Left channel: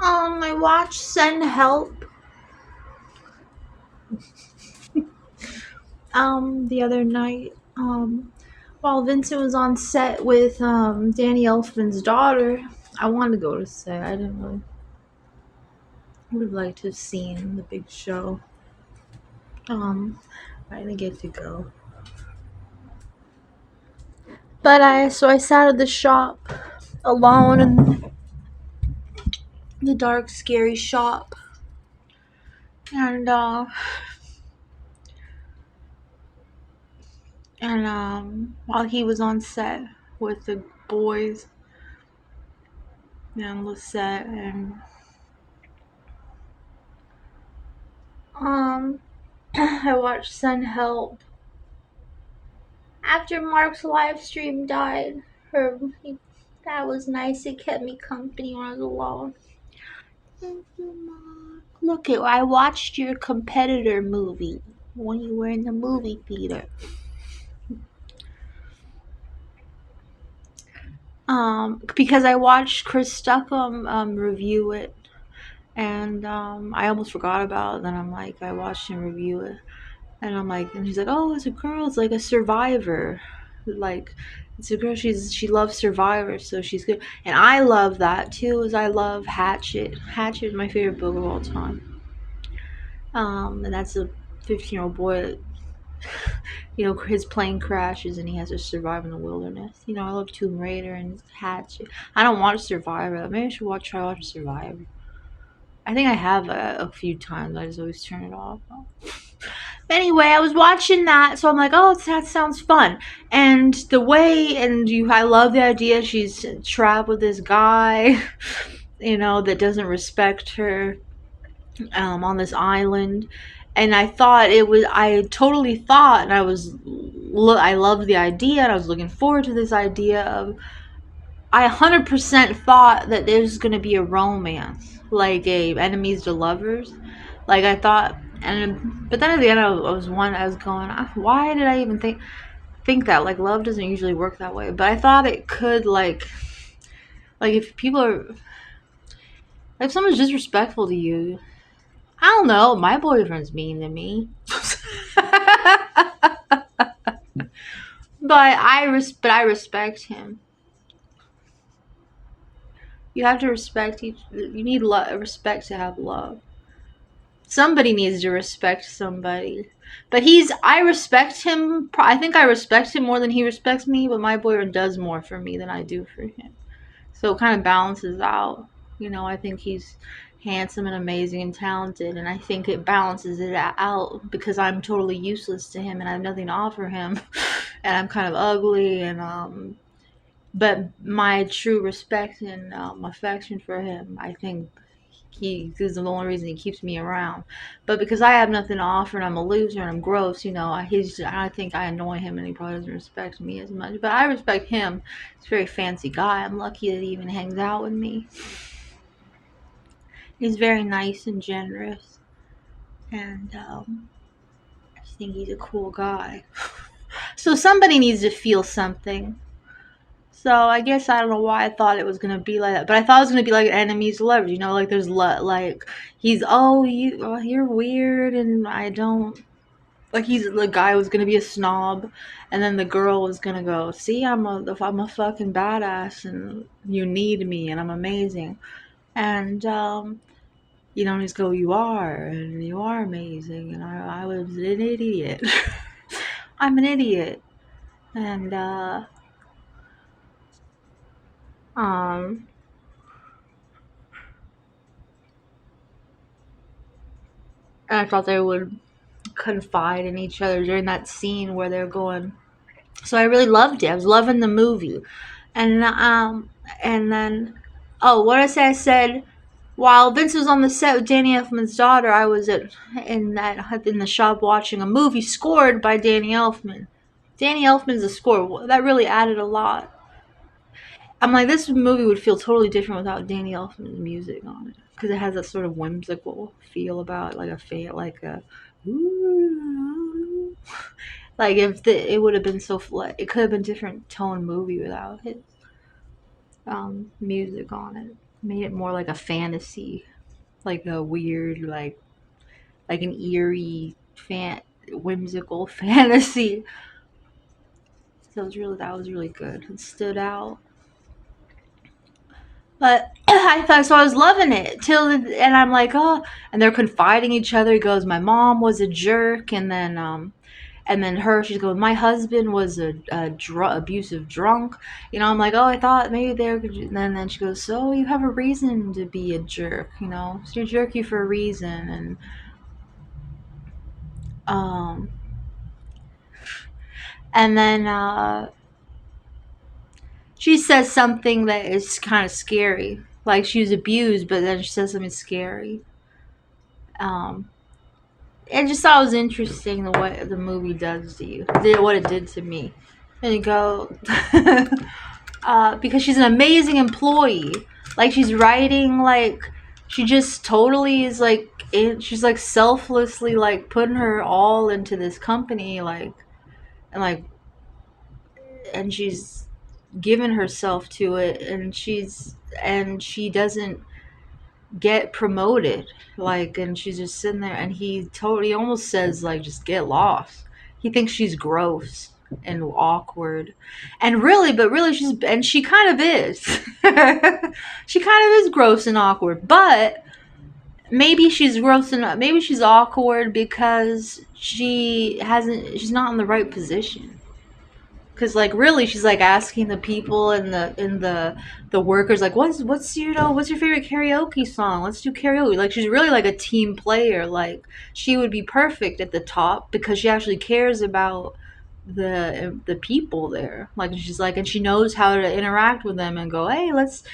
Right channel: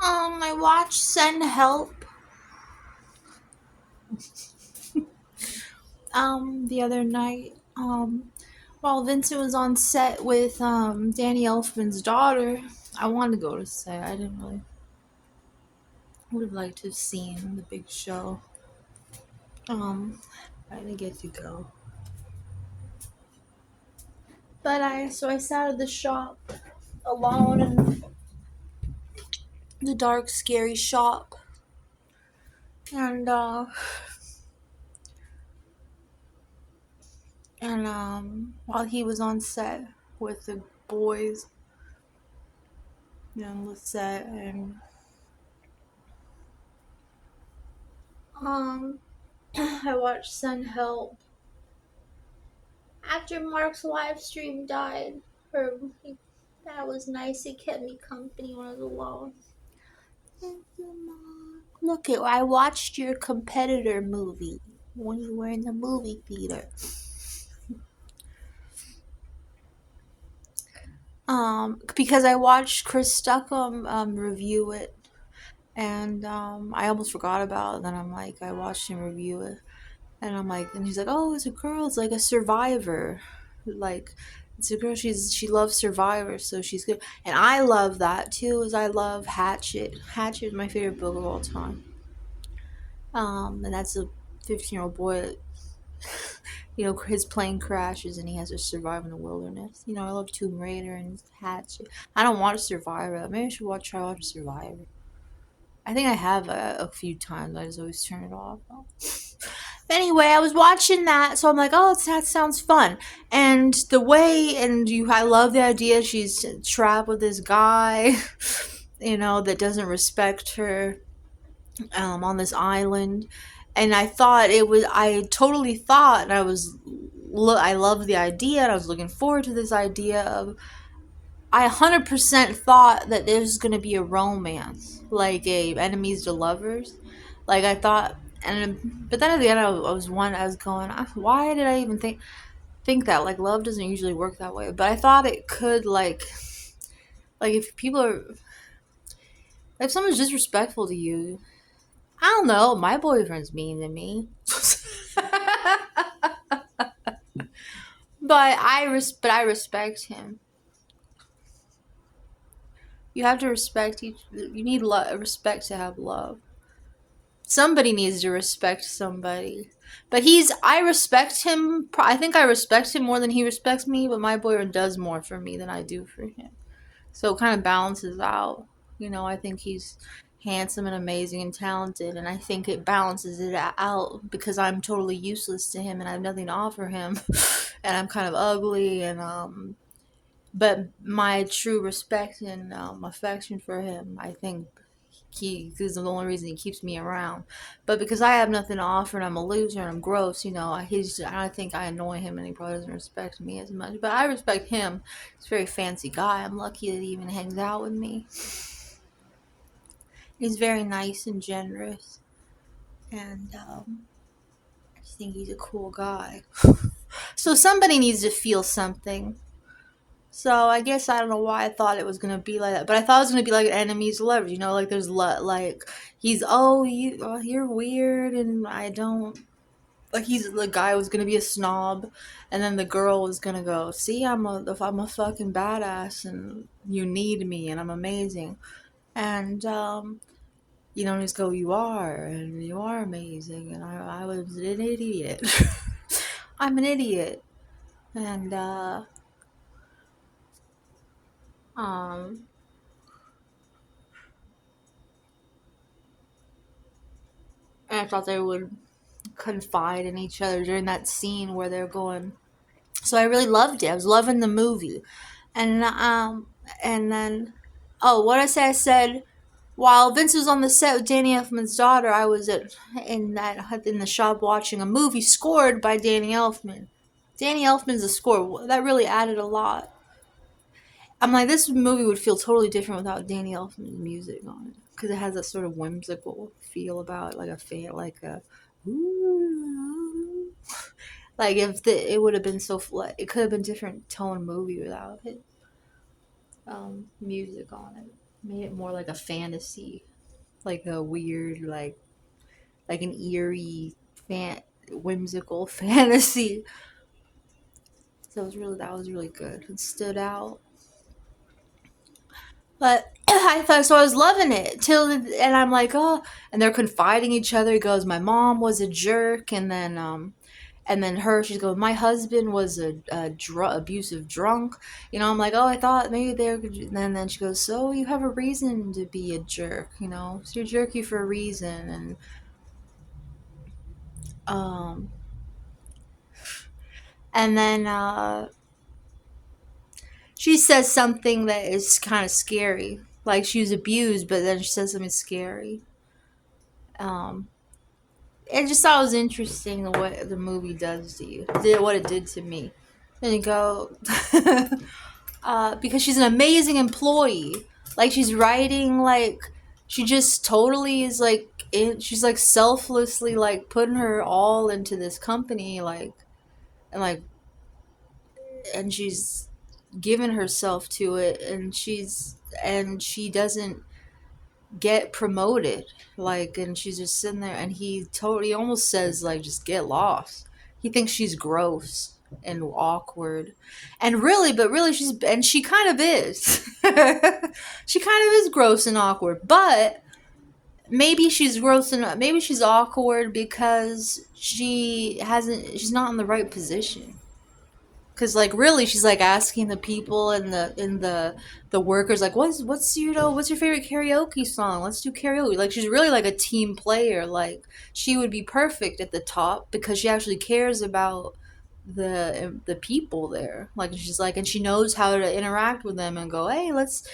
I watched Send Help the other night. While Vincent was on set with Danny Elfman's daughter. I wanted to go to set. I didn't really would have liked to have seen the big show. I didn't get to go. But I sat at the shop alone in the dark, scary shop. And while he was on set with the boys and Lisette and um I watched Sun Help. After Mark's live stream died, that was nice. It kept me company when I was alone. Thank you, Mark. Look, I watched your competitor movie when you were in the movie theater. Because I watched Chris Stuckham review it, and I almost forgot about it. Then I watched him review it, and and he's like, oh, it's a girl. It's like a Survivor, like it's a girl. She loves Survivor, so she's good. And I love that too. As I love Hatchet. Hatchet is my favorite book of all time. And that's a 15-year-old boy that, his plane crashes and he has to survive in the wilderness. I love Tomb Raider and Hatchet. I don't watch Survivor. Maybe I should try watching Survivor. I think I have a few times. I just always turn it off. Anyway, I was watching that, so I'm like, oh, that sounds fun. And I love the idea she's trapped with this guy, that doesn't respect her, on this island. And I totally thought, and I loved the idea, and I was looking forward to this idea of, I 100% thought that there's going to be a romance, like a enemies to lovers. Like I thought, but then at the end, I was going, why did I even think that? Like love doesn't usually work that way. But I thought it could, like if people are, if someone's disrespectful to you, I don't know. My boyfriend's mean to me, but I respect him. You have to respect each. You need respect to have love. Somebody needs to respect somebody. But I respect him. I think I respect him more than he respects me, but my boyfriend does more for me than I do for him. So it kind of balances out. I think he's handsome and amazing and talented, and I think it balances it out because I'm totally useless to him and I have nothing to offer him, and I'm kind of ugly, and but my true respect and affection for him, I think he is the only reason he keeps me around. But because I have nothing to offer and I'm a loser and I'm gross, I think I annoy him and he probably doesn't respect me as much. But I respect him. He's a very fancy guy. I'm lucky that he even hangs out with me. He's very nice and generous, and I just think he's a cool guy. So somebody needs to feel something. So I guess I don't know why I thought it was gonna be like that, but I thought it was gonna be like an enemies to lovers. Like there's like he's you're weird, and I don't like he's the guy was gonna be a snob, and then the girl was gonna go, see, I'm a fucking badass, and you need me, and I'm amazing, and and just go, you are, and you are amazing, and I was an idiot. I'm an idiot, and um. And I thought they would confide in each other during that scene where they're going. So I really loved it. I was loving the movie, and then, oh, what did I say? I said while Vince was on the set with Danny Elfman's daughter, I was in the shop watching a movie scored by Danny Elfman. Danny Elfman's a score that really added a lot. I'm like, this movie would feel totally different without Danny Elfman's music on it because it has a sort of whimsical feel about it, like like a ooh. Like if it would have been it could have been different tone movie without his music on it. Made it more like a fantasy, like a weird, like an eerie, whimsical fantasy. So that was really good. It stood out. But I was loving it and I'm like, oh, and they're confiding each other. He goes, my mom was a jerk, and then she's going, my husband was abusive drunk. I'm like, oh, I thought maybe they're, and then she goes, so you have a reason to be a jerk, so you're jerky for a reason, um, and then she says something that is kind of scary, like she was abused, but then she says something scary. Um, and just thought it was interesting what the movie does to you, what it did to me. Then you go, because she's an amazing employee. Like she's writing, like she just totally is like, she's like selflessly like putting her all into this company, and like, and she's given herself to it, and she doesn't get promoted, and she's just sitting there, and he almost says like, just get lost. He thinks she's gross and awkward, and really she kind of is. She kind of is gross and awkward, but maybe she's awkward because she's not in the right position. Cause like really, she's like asking the people and the workers, like, what's your favorite karaoke song? Let's do karaoke. Like she's really like a team player. Like she would be perfect at the top because she actually cares about the people there. Like she's like, and she knows how to interact with them and go, hey, let's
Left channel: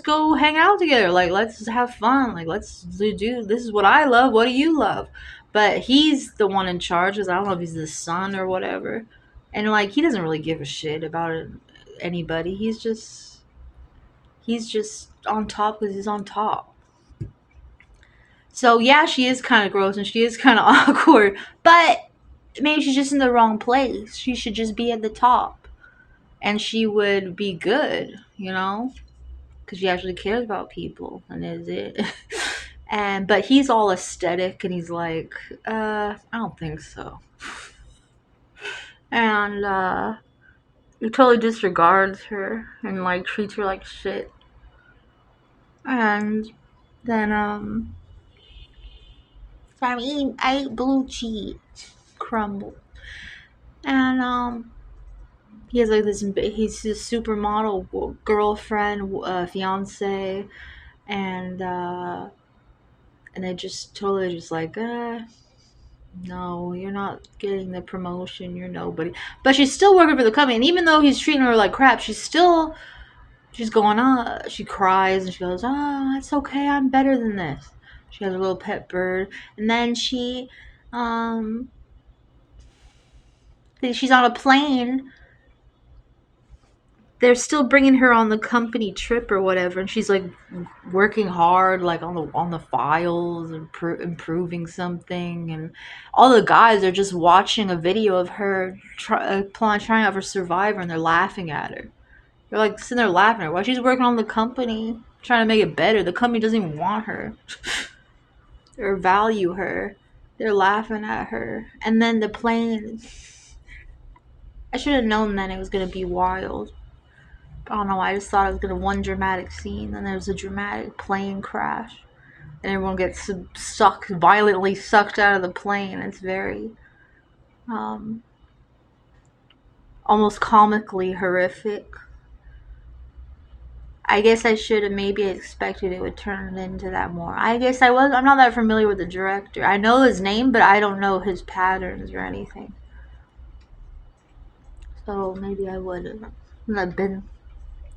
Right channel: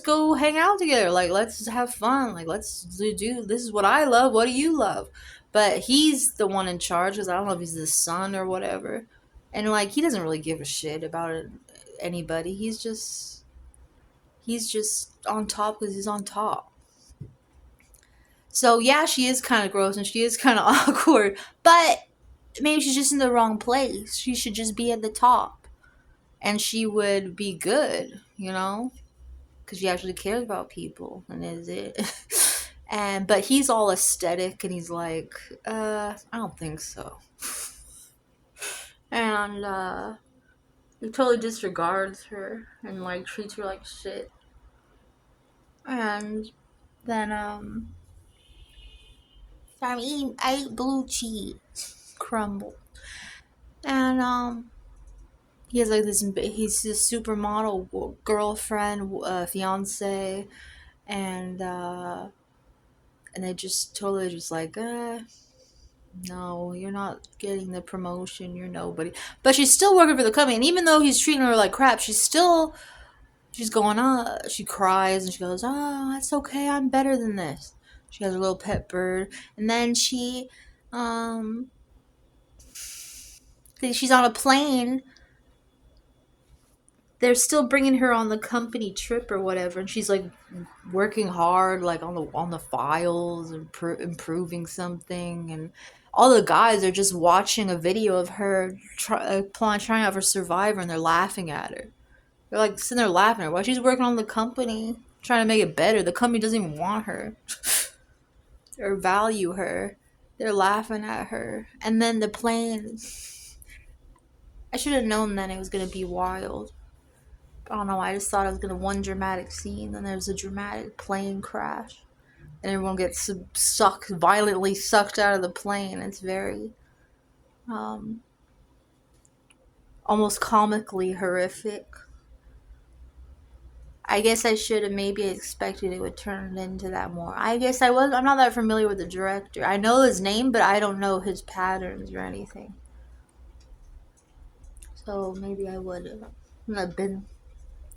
go hang out together. Like let's have fun. Like let's do this is what I love. What do you love? But he's the one in charge because I don't know if he's the son or whatever, and like he doesn't really give a shit about anybody. He's just on top because he's on top. So yeah, she is kind of gross and she is kind of awkward, but maybe she's just in the wrong place. She should just be at the top, and she would be good, because she actually cares about people and is it. And but he's all aesthetic and he's like, I don't think so. And he totally disregards her and like treats her like shit. And then I ate blue cheese crumble. And he has like he's his supermodel girlfriend, fiance, and they just totally just like, no, you're not getting the promotion, you're nobody. But she's still working for the company, and even though he's treating her like crap, she's going on. She cries and she goes, oh, it's okay, I'm better than this. She has a little pet bird, and then um she's on a plane. They're still bringing her on the company trip or whatever, and she's like working hard, like on the files and improving something, and all the guys are just watching a video of her trying out for Survivor, and they're laughing at her. They're like sitting there laughing at her while she's working on the company, trying to make it better. The company doesn't even want her or value her. They're laughing at her, and then the plane. I should have known then it was gonna be wild. I don't know. I just thought it was gonna one dramatic scene, then there was a dramatic plane crash, and everyone gets violently sucked out of the plane. It's very, um, almost comically horrific. I guess I should have maybe expected it would turn into that more. I guess I was. I'm not that familiar with the director. I know his name, but I don't know his patterns or anything. So maybe I would have been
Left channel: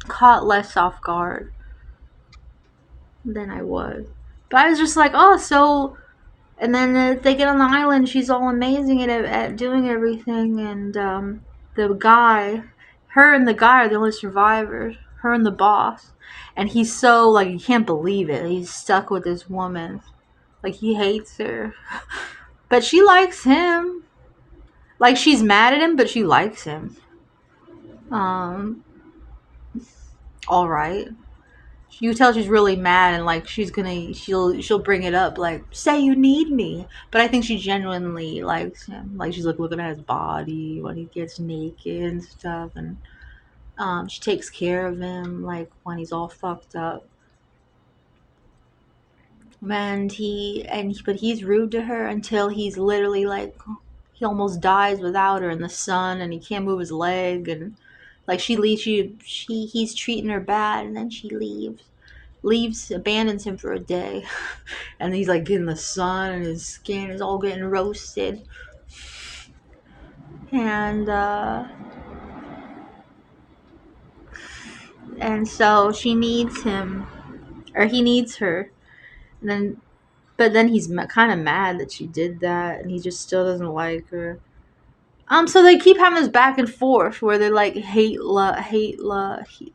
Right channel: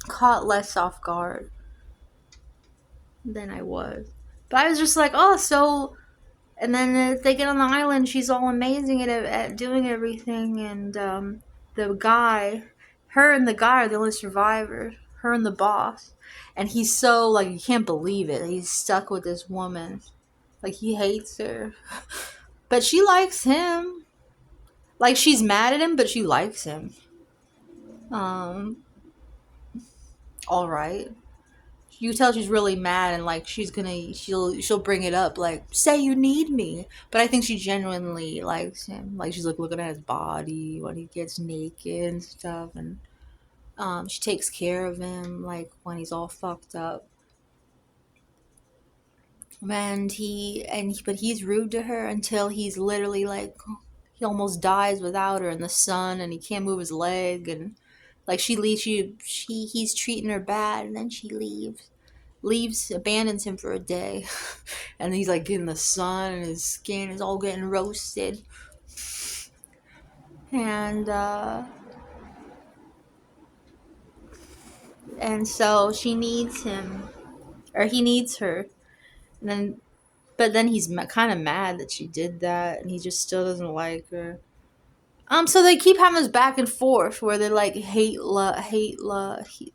caught less off guard than I was. But I was just like, oh, so. And then they get on the island. She's all amazing at doing everything. And the guy, her and the guy are the only survivors. Her and the boss. And he's so, like, you can't believe it. He's stuck with this woman. Like, he hates her. But she likes him. Like, she's mad at him, but she likes him. Um, all right. you tell she's really mad and like she'll bring it up like say you need me, but I think she genuinely likes him. Like she's like looking at his body when he gets naked and stuff, and she takes care of him like when he's all fucked up. But he's rude to her until he's literally like he almost dies without her in the sun, and he can't move his leg, and like she leaves, he's treating her bad, and then she leaves, abandons him for a day, and he's like getting the sun, and his skin is all getting roasted, and so she needs him, or he needs her, and then but then he's kind of mad that she did that, and he just still doesn't like her. So they keep having this back and forth where they like hate love.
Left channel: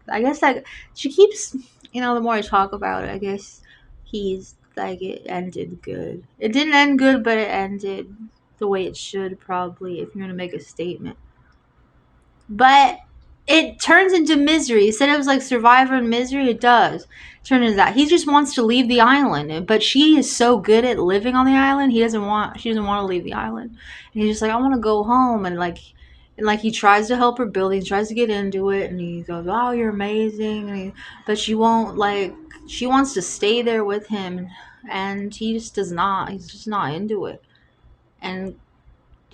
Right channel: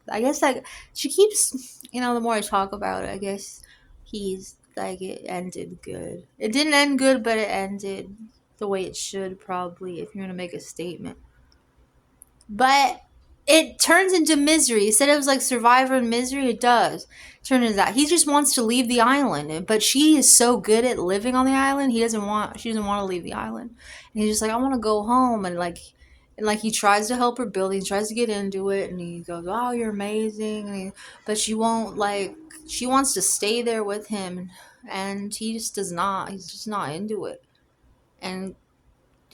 I guess like she keeps, the more I talk about it, I guess he's like it ended good. It didn't end good, but it ended the way it should probably if you're gonna make a statement. But it turns into misery. Instead of like survivor and misery, it does turn into that. He just wants to leave the island, but she is so good at living on the island. She doesn't want to leave the island, and he's just like, I want to go home, and like he tries to help her build. He tries to get into it, and he goes, "Oh, you're amazing," but she won't like. She wants to stay there with him, and he just does not. He's just not into it, and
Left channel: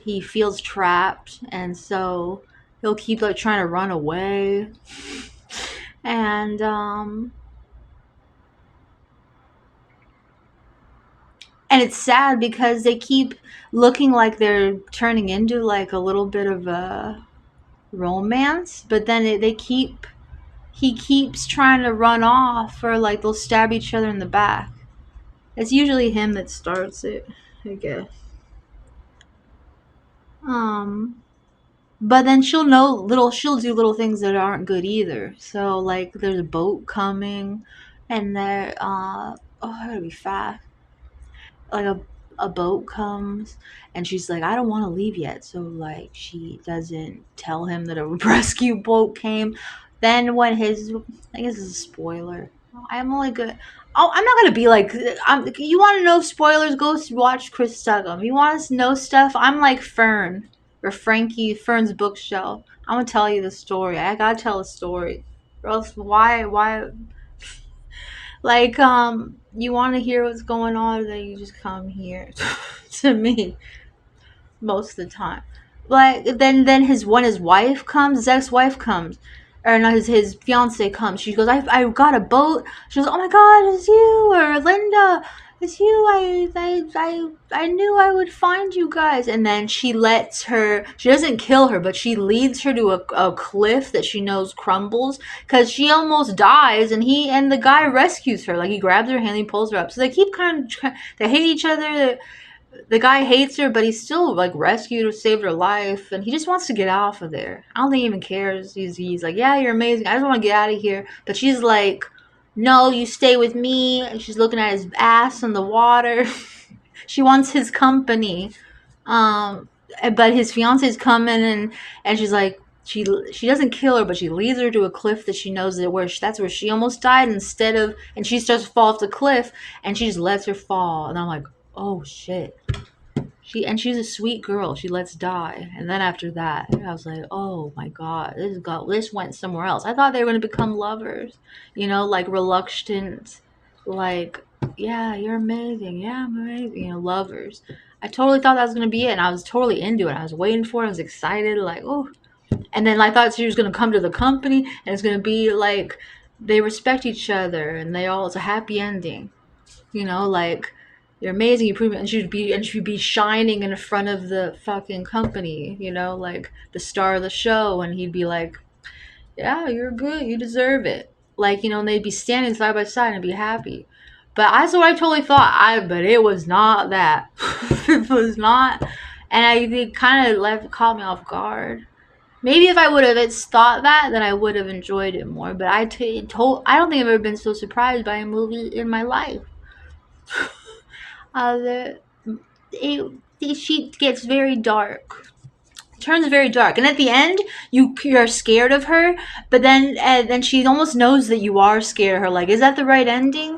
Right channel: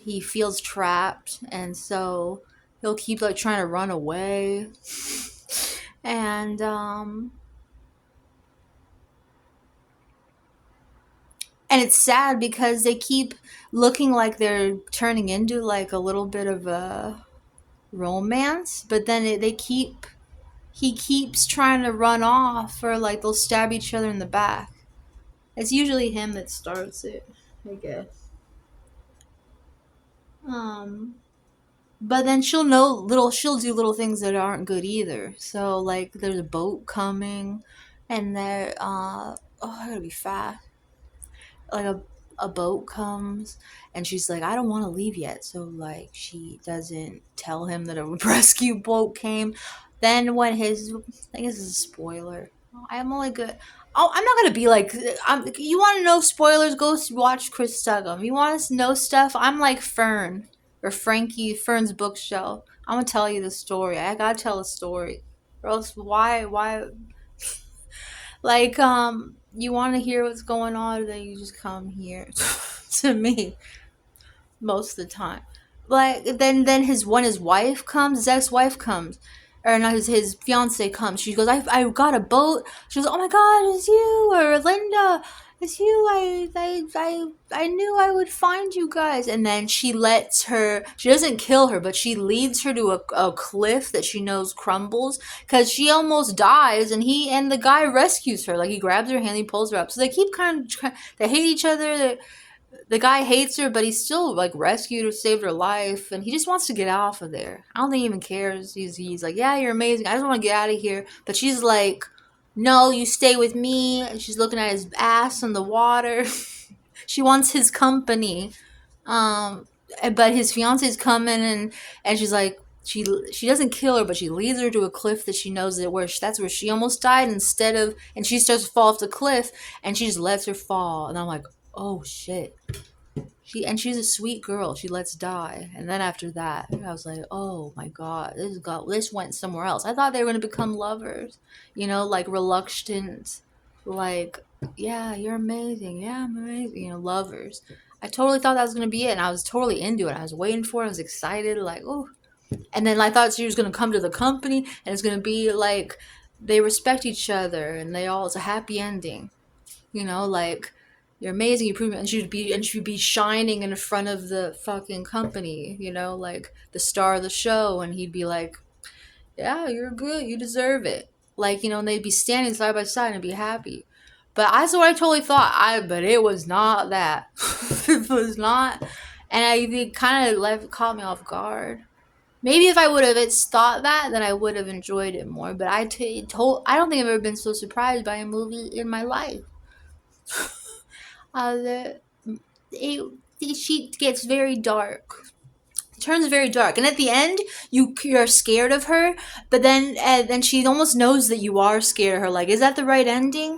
he feels trapped, and so he'll keep like trying to run away, and it's sad because they keep looking like they're turning into like a little bit of a romance, but then he keeps trying to run off, or like they'll stab each other in the back. It's usually him that starts it, I guess. um But then she'll do little things that aren't good either. So like there's a boat coming, and I gotta be fast. Like a boat comes, and she's like, I don't want to leave yet. So like she doesn't tell him that a rescue boat came. Then when I guess it's a spoiler. I'm only good. Oh, I'm not gonna be like. You want to know spoilers? Go watch Chris Stuckum. You want to know stuff? I'm like Fern or Frankie Fern's bookshelf. I'm gonna tell you the story. I gotta tell a story, or else why like you want to hear what's going on, then you just come here to me most of the time. Like then his wife comes, his ex-wife comes, or not, his fiance comes. She goes, I got a boat. She goes, oh my god, it's you, or Linda, it's you. I knew I would find you guys. And then she doesn't kill her, but she leads her to a cliff that she knows crumbles, because she almost dies, and the guy rescues her. Like he grabs her hand, he pulls her up. So they keep they hate each other. The guy hates her, but he's still like rescued her, saved her life, and he just wants to get off of there. I don't think he even cares. He's like, yeah, you're amazing. I just want to get out of here. But she's like, no, you stay with me. And she's looking at his ass in the water. She wants his company. Um, but his fiance's coming, and she's like, she doesn't kill her, but she leads her to a cliff that she knows that's where she almost died, and she starts to fall off the cliff, and she just lets her fall, and I'm like, oh shit. She's a sweet girl. She lets die, and then after that, I was like, "Oh my god, this went somewhere else." I thought they were gonna become lovers, like reluctant, like, "Yeah, you're amazing. Yeah, I'm amazing." Lovers. I totally thought that was gonna be it, and I was totally into it. I was waiting for it. I was excited, like, oh. And then I thought she was gonna come to the company, and it's gonna be like they respect each other, and it's a happy ending. Like you're amazing, you prove it, and she'd be shining in front of the fucking company, like the star of the show, and he'd be like, yeah, you're good, you deserve it, like, and they'd be standing side by side and be happy. But that's what I totally thought. But it was not that. It was not, and it kind of caught me off guard. Maybe if I would have thought that, then I would have enjoyed it more. But I don't think I've ever been so surprised by a movie in my life. The it, she gets very dark turns very dark, and at the end, you're scared of her, but then she almost knows that you are scared of her. Like, is that the right ending?